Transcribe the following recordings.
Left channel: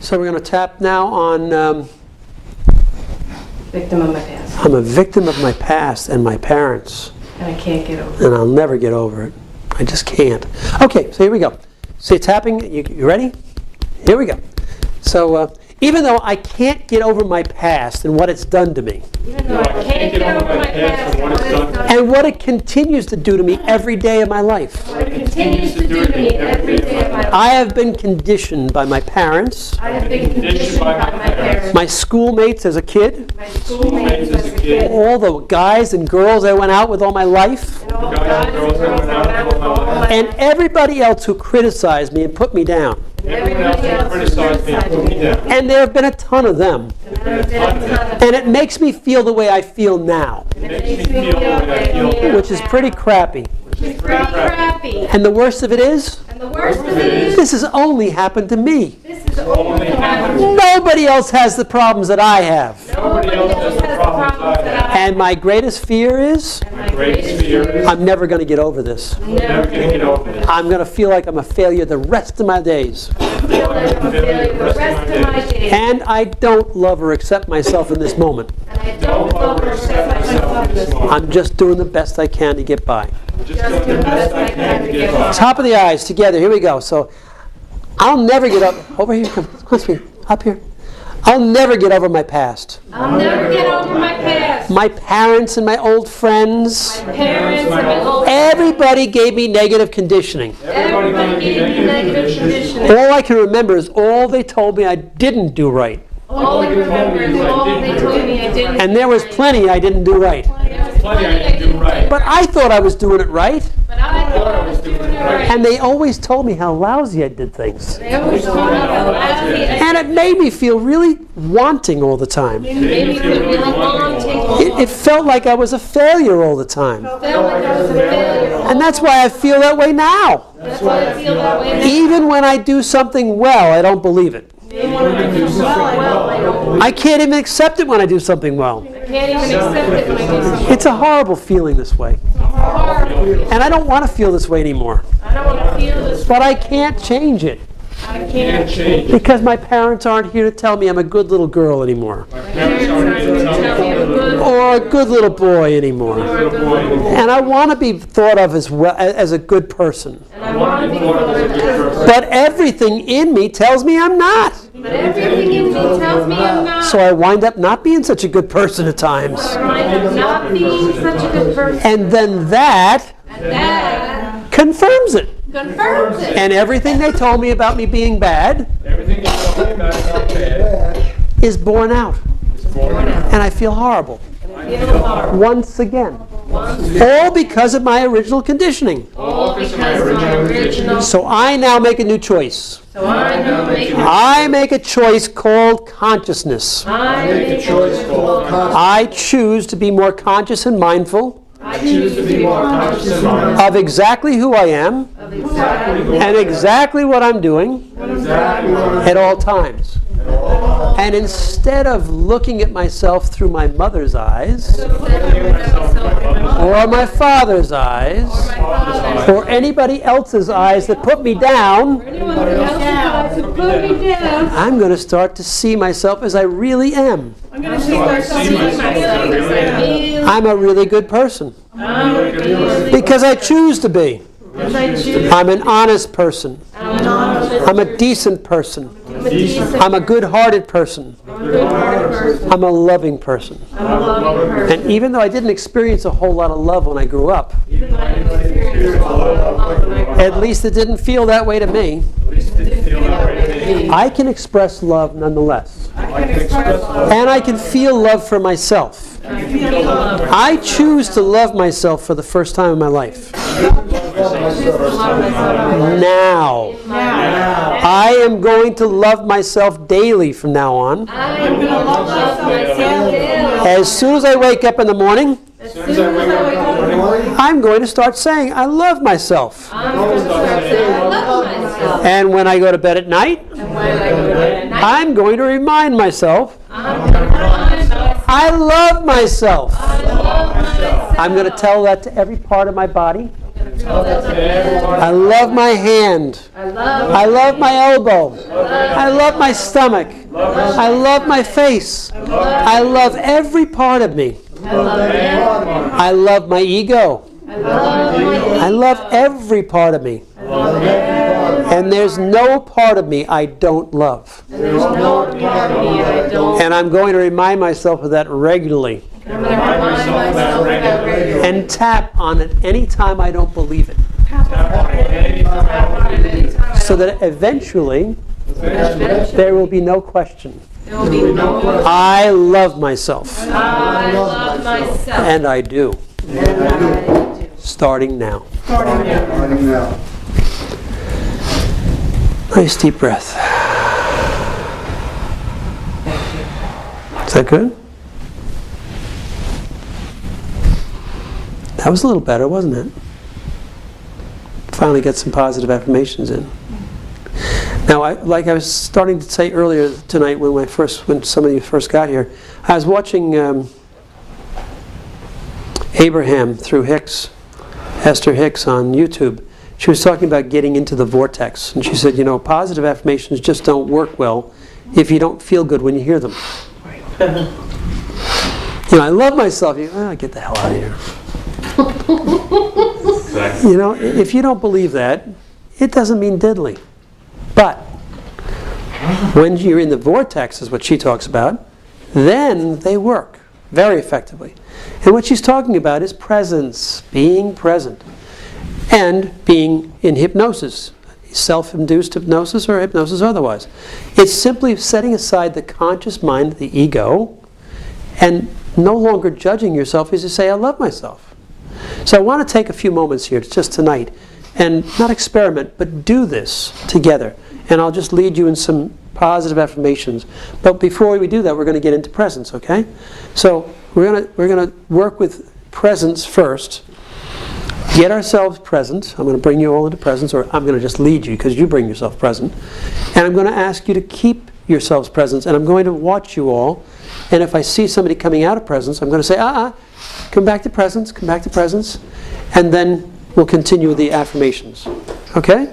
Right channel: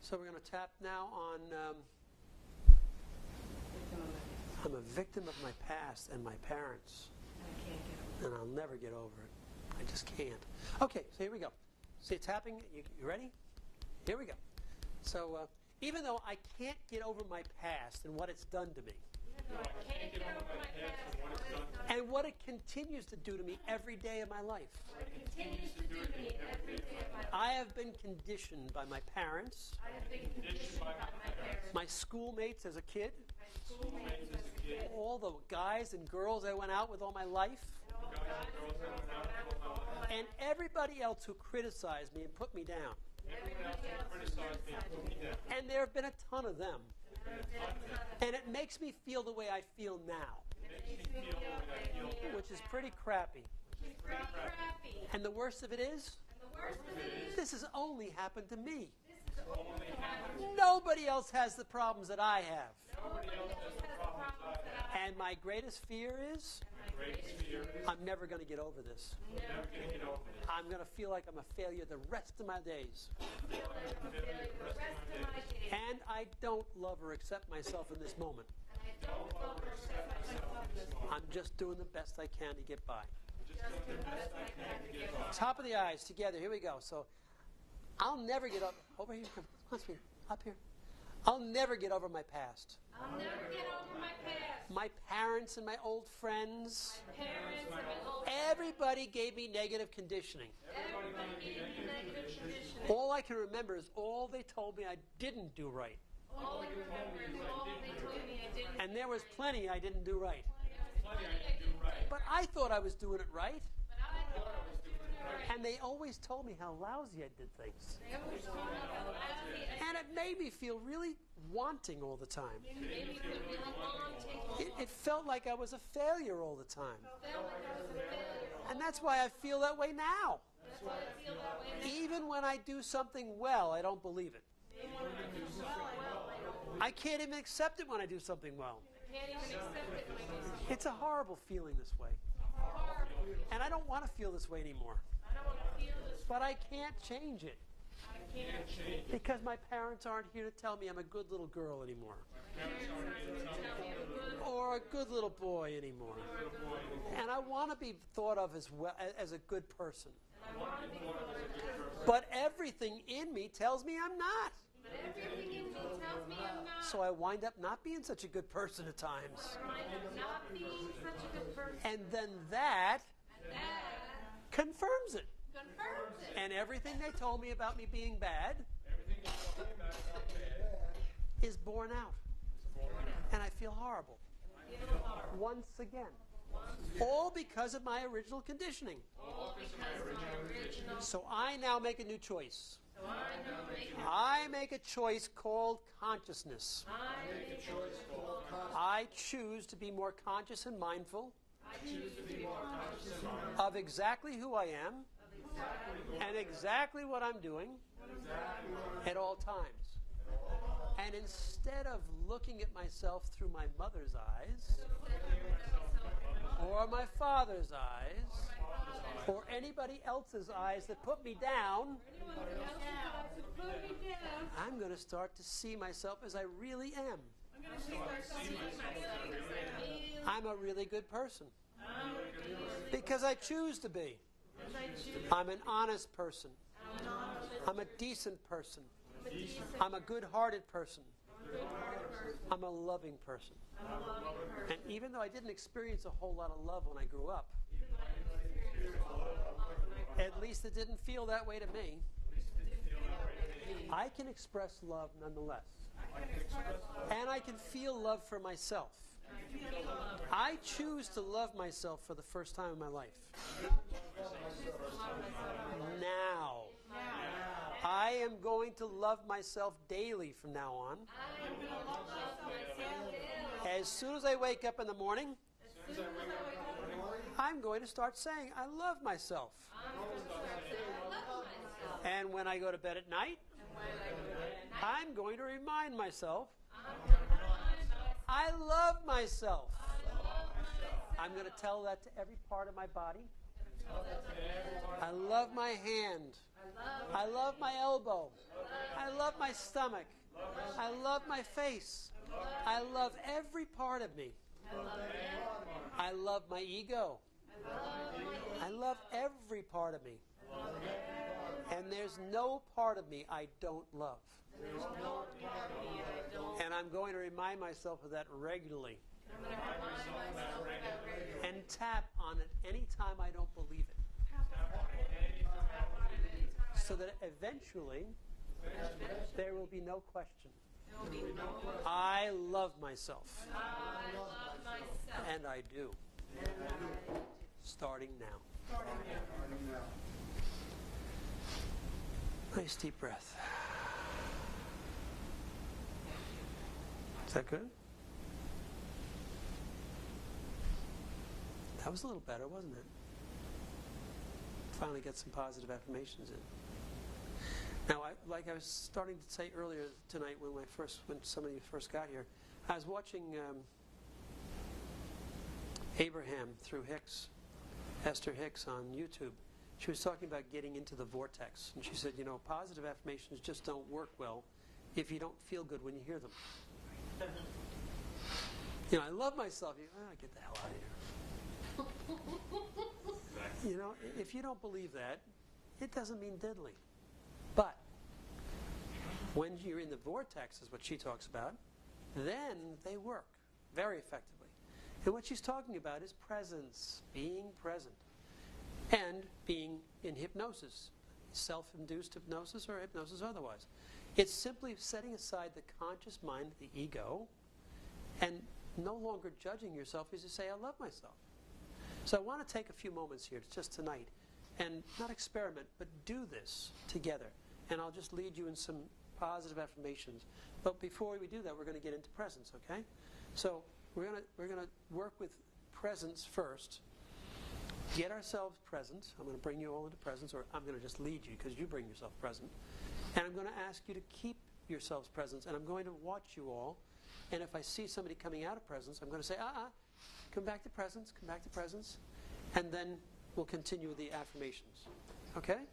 So we're going to tap now on... Victim of my past. I'm a victim of my past and my parents. And I can't get over it. And I'll never get over it. I just can't. Okay, so here we go. So you're tapping. You ready? Here we go. So even though I can't get over my past and what it's done to me, Even though I can't get over my past and what it's done to me, and what it continues to do to me every day of my life, what it continues to do to me every day of my life, I have been conditioned by my parents, I have been conditioned by my parents, my schoolmates as a kid, my schoolmates as a kid, all the guys and girls I went out with all my life, and all the guys and girls I went out with all my life, and everybody else who criticized me and put me down. everybody else criticized me and put me down. And there have been a ton of them. And there have been a ton of And it makes me feel the way I feel now, it makes me feel the way I feel which is pretty crappy. It's pretty crappy. And the worst of it is, And the worst of it is, this has only happened to me. this is only happening. Nobody else has the problems that I have. Nobody else has the problems that I have. And my greatest fear is, And my greatest fear is, I'm never going to get over this. I'm never going to get over this. I'm going to feel like I'm a failure the rest of my days. I feel like I'm a failure the rest of my days. And I don't love or accept myself in this moment. And I don't love or accept myself in this moment. I'm just doing the best I can to get by. Just doing the best I can to get by. Top of the eyes together. Here we go. So I'll never get up. Over here. Come on, sweetie. Up here. I'll never get over my past. I'll never get over my past. My parents and my old friends. My parents and my old Everybody gave me negative conditioning. everybody gave me negative conditioning. All I can remember is all they told me I didn't do right. All I can remember is all they told me I didn't. And there was plenty I didn't do right. There was plenty I didn't do right. But I thought I was doing it right. But I thought I was doing it right. And they always told me how lousy I did things. They always told me how lousy I And it made me feel really wanting all the time. made me feel really wanting. It felt like I was a failure all the time. Felt like I was a failure. And that's why I feel that way now. That's why I feel that way now. Even when I do something well, I don't believe it. Even when I do something well, I don't believe I can't even accept it when I do something well. I can't even accept it when I do something It's a horrible feeling this way. horrible. And I don't want to feel this way anymore. I don't want to feel this. But I can't change it. I can't change. Because my parents aren't here to tell me I'm a good little girl anymore. Parents aren't here to tell me I'm good. Or a good little boy anymore. And I want to be thought of as well as a good person. And I want to be thought of as a good person. But everything in me tells me I'm not. But everything in me tells me I'm not. So I wind up not being such a good person at times. I wind up not being such a good person. And then that And that confirms it. confirms it. And everything they told me about me being bad Everything you told me about bad is borne out. is born out. And I feel horrible. Feel horrible. Once again. All because of my original conditioning. All because of my original. So I now make a new choice. So I know make I make a choice called consciousness. I make a choice called conscious. I choose to be more conscious and mindful I choose to be more conscious and mindful of exactly who I am of exactly and exactly what I'm doing at all times. And instead of looking at myself through my mother's eyes, or my father's eyes, or anybody else's eyes that put me down, I'm going to start to see myself as I really am. I'm going to see myself as I feel. I'm a really good person I'm a good person. because I choose to be. Because I choose. I'm an honest person. I'm an honest. I'm a decent person. I'm a decent. I'm a good-hearted person. I'm a good-hearted person. I'm a loving person. I'm a loving person. And even though I didn't experience a whole lot of love when I grew up, Even though I didn't experience a lot of love when I grew up, at least it didn't feel that way to me. it didn't feel that way to me. I can express love nonetheless. I can express love. And I can feel love for myself. I can feel love. I choose to love myself for the first time in my life. Now. I am going to love myself daily from now on. I am going to love myself daily. As soon as I wake up in the morning, As soon as I wake up in the morning, I'm going to start saying, I love myself. I'm going to start saying I love myself. And when I go to bed at night, And when I go to bed at night, I'm going to remind myself, I'm going to remind myself I love myself. I love myself. I'm going to tell that to every part of my body. I love my hand. I love my elbow. I love my stomach. I love my face. I love every part of me. I love my ego. I love every part of me. And there's no part of me I don't love. And I'm going to remind myself of that regularly. And tap on it anytime I don't believe it. So that eventually there will be no question. I love myself. And I do. Starting now. Nice deep breath. Is that good? That was a little better, wasn't it? Finally got some positive affirmations in. Now, like I was starting to say earlier tonight when some of you first got here, I was watching Abraham through Esther Hicks on YouTube. She was talking about getting into the vortex. And she said, positive affirmations just don't work well if you don't feel good when you hear them. I love myself. Get the hell out of here. If you don't believe that, it doesn't mean diddly. But when you're in the vortex, is what she talks about, then they work very effectively. And what she's talking about is presence, being present, and being in hypnosis, self-induced hypnosis or hypnosis otherwise. It's simply setting aside the conscious mind, the ego, and no longer judging yourself as you say, I love myself. So I want to take a few moments here, just tonight, and not experiment, but do this together. And I'll just lead you in some positive affirmations. But before we do that, we're going to get into presence, okay? So we're going to work with presence first. Get ourselves present. I'm going to bring you all into presence, or I'm going to just lead you because you bring yourself present. And I'm going to ask you to keep yourselves present, and I'm going to watch you all. And if I see somebody coming out of presence, I'm going to say, come back to presence, come back to presence. And then we'll continue with the affirmations. Okay?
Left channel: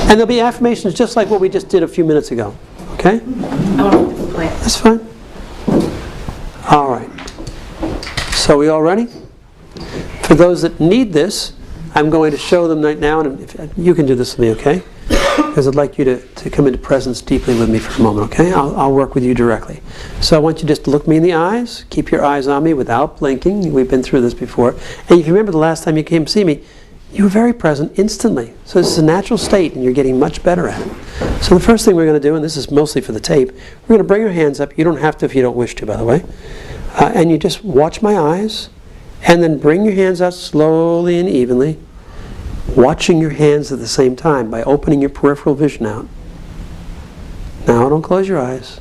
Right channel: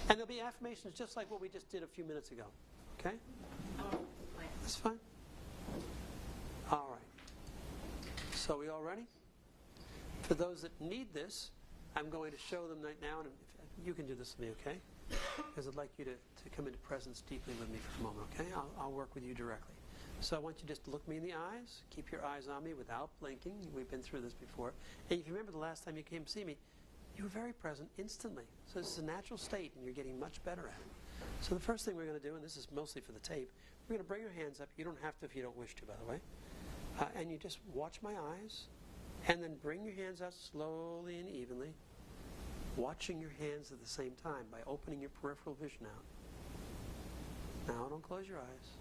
And there'll be affirmations just like what we just did a few minutes ago. Okay? That's fine. All right. So we all ready? For those that need this, I'm going to show them right now, and if you can do this with me, okay? Because I'd like you to come into presence deeply with me for a moment, okay? I'll work with you directly. So I want you just to look me in the eyes, keep your eyes on me without blinking. We've been through this before. And if you remember the last time you came to see me, you were very present instantly. So this is a natural state, and you're getting much better at it. So the first thing we're going to do, and this is mostly for the tape, we're going to bring your hands up. You don't have to if you don't wish to, by the way. And you just watch my eyes, and then bring your hands out slowly and evenly, watching your hands at the same time by opening your peripheral vision out. Now don't close your eyes.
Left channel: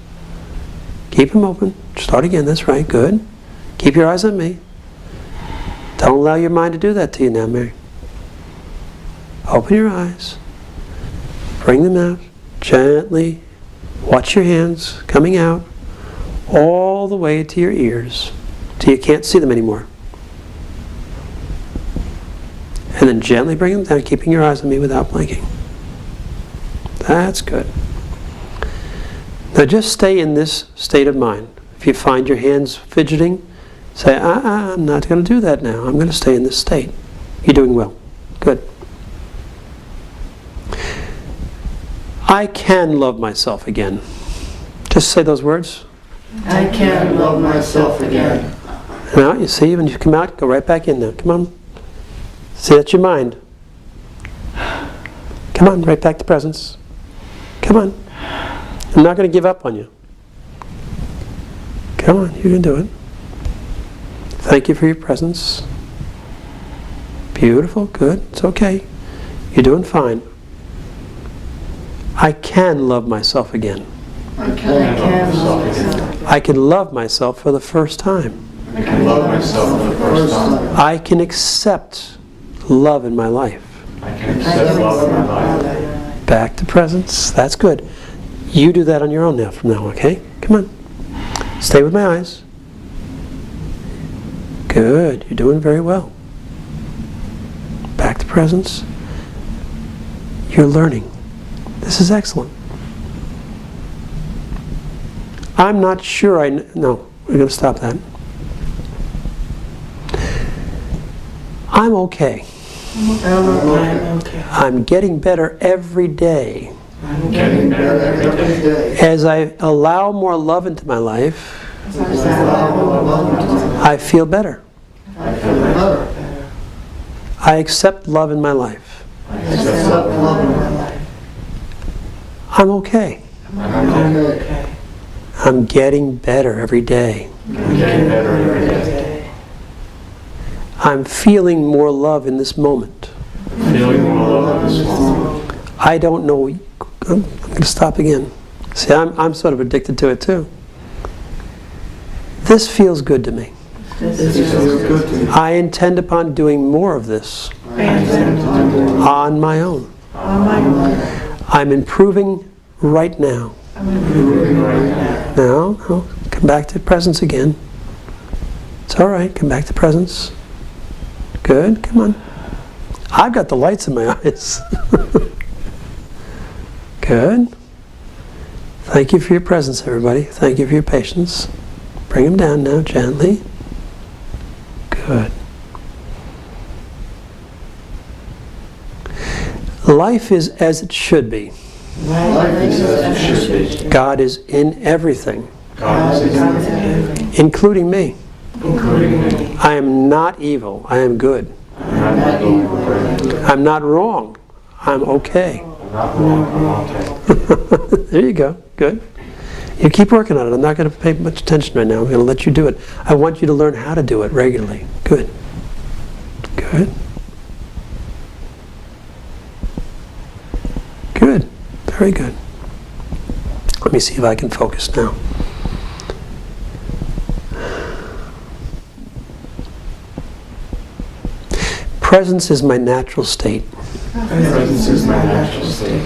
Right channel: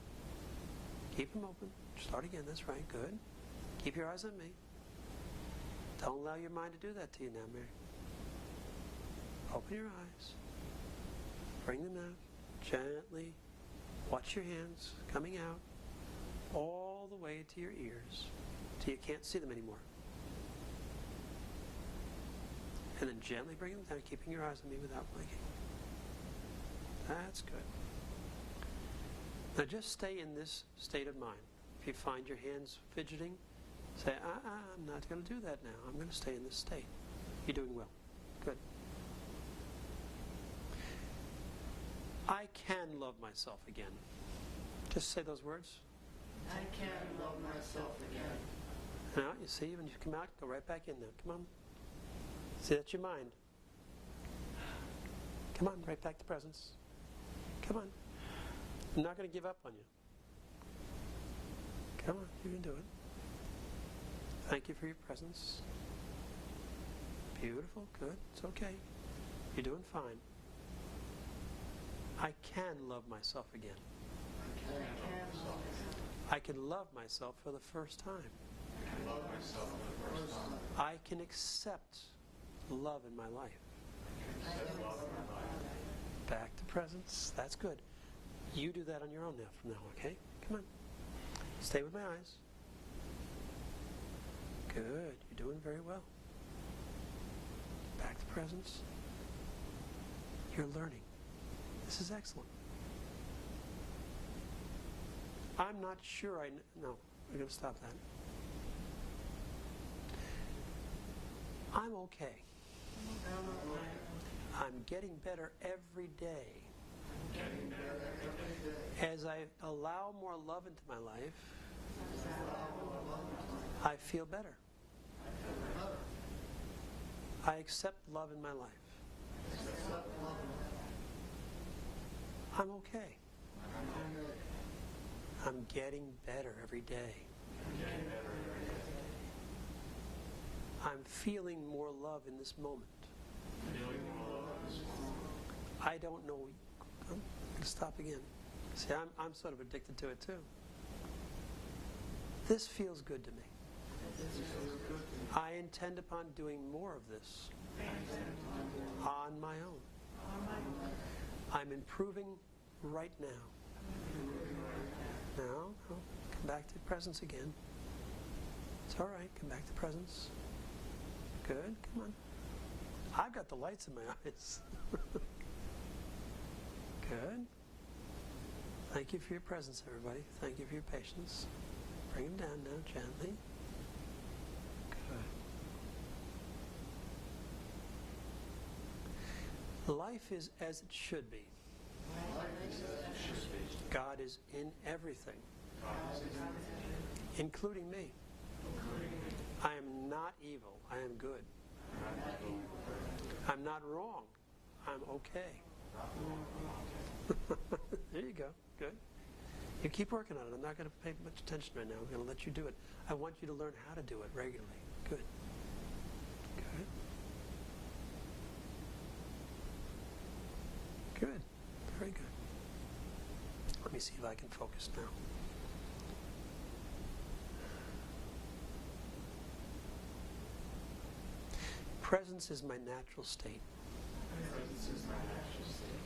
Keep them open. Start again. That's right. Good. Keep your eyes on me. Don't allow your mind to do that to you now, Mary. Open your eyes. Bring them out gently. Watch your hands coming out all the way to your ears till you can't see them anymore. And then gently bring them down, keeping your eyes on me without blinking. That's good. Now just stay in this state of mind. If you find your hands fidgeting, say, I'm not going to do that now. I'm going to stay in this state. You're doing well. Good. I can love myself again. Just say those words. I can love myself again. Now, you see, when you come out, go right back in there. Come on. See, that's your mind. Come on, right back to presence. Come on. I'm not going to give up on you. Come on, you can do it. Thank you for your presence. Beautiful, good, it's okay. You're doing fine. I can love myself again. I can love myself. I can love myself for the first time. I can love myself for the first time. I can accept love in my life. I can accept love in my life. Back to presence. That's good. You do that on your own now from now, okay? Come on. Stay with my eyes. Good. You're doing very well. Back to presence, you're learning. This is excellent. I'm not sure no, we're going to stop that. I'm okay. I'm okay. I'm getting better every day. I'm getting better every day. As I allow more love into my life, I feel better. I feel better. I accept love in my life. I accept love in my life. I'm okay. I'm okay. I'm getting better every day. I'm getting better every day. I'm feeling more love in this moment. Feeling more love in this moment. I don't know. I'm going to stop again. See, I'm sort of addicted to it too. This feels good to me. This feels good to me. I intend upon doing more of this I intend to do more on my own. on my own. I'm improving right now. I'm improving right now. No, come back to presence again. It's all right, come back to presence. Good, come on. I've got the lights in my eyes. Good. Thank you for your presence, everybody. Thank you for your patience. Bring them down now, gently. Good. Life is as it should be. Life is as it should be. God is in everything, God is in everything, including me. including me. I am not evil. I am good. I'm not evil. I'm not wrong. I'm okay. I'm not wrong. I'm okay. There you go. Good. You keep working on it. I'm not going to pay much attention right now. I'm going to let you do it. I want you to learn how to do it regularly. Good. Good. Good. Very good. Let me see if I can focus now. Presence is my natural state. Presence is my natural state.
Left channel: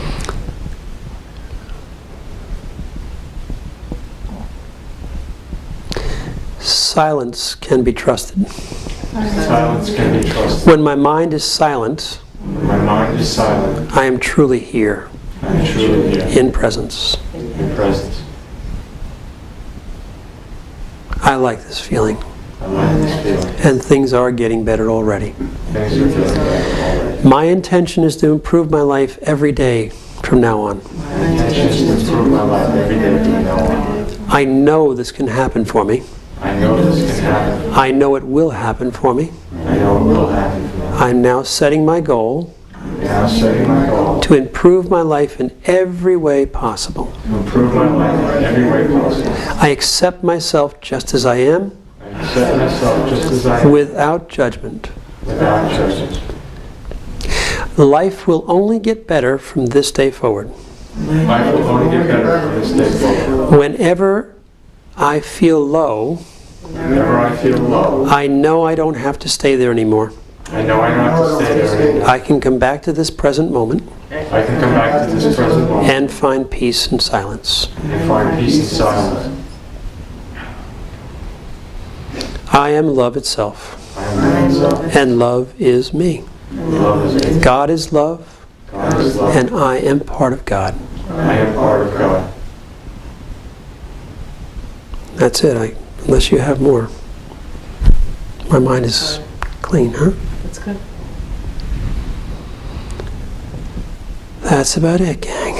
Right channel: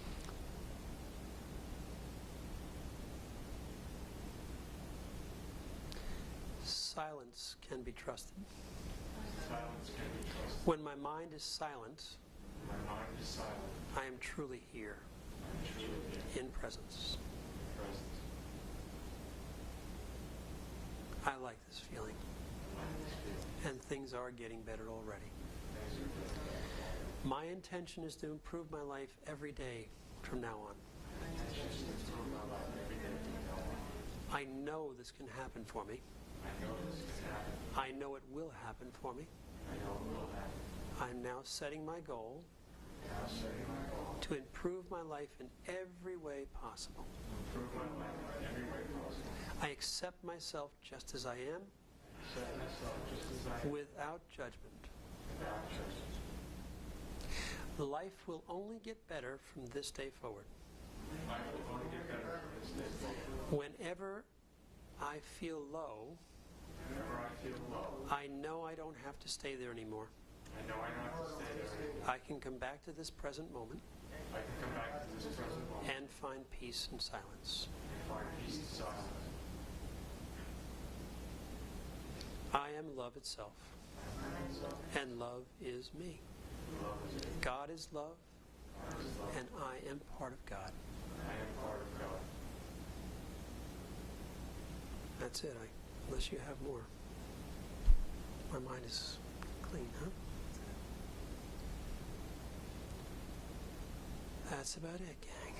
Silence can be trusted. Silence can be trusted. When my mind is silent, When my mind is silent, I am truly here I am truly here in presence. in presence. I like this feeling. I like this feeling. And things are getting better already. Things are getting better already. My intention is to improve my life every day from now on. My intention is to improve my life every day from now on. I know this can happen for me. I know this can happen. I know it will happen for me. I know it will happen for me. I'm now setting my goal I'm now setting my goal to improve my life in every way possible. to improve my life in every way possible. I accept myself just as I am, I accept myself just as I am, without judgment. without judgment. Life will only get better from this day forward. Life will only get better from this day forward. Whenever I feel low, Whenever I feel low, I know I don't have to stay there anymore. I know I don't have to stay there anymore. I can come back to this present moment I can come back to this present moment and find peace and silence. and find peace and silence. I am love itself, I am love. and love is me. Love is me. God is love, God is love. and I am part of God. I am part of God. That's it, unless you have more. My mind is clean, huh? That's good. That's about it, gang.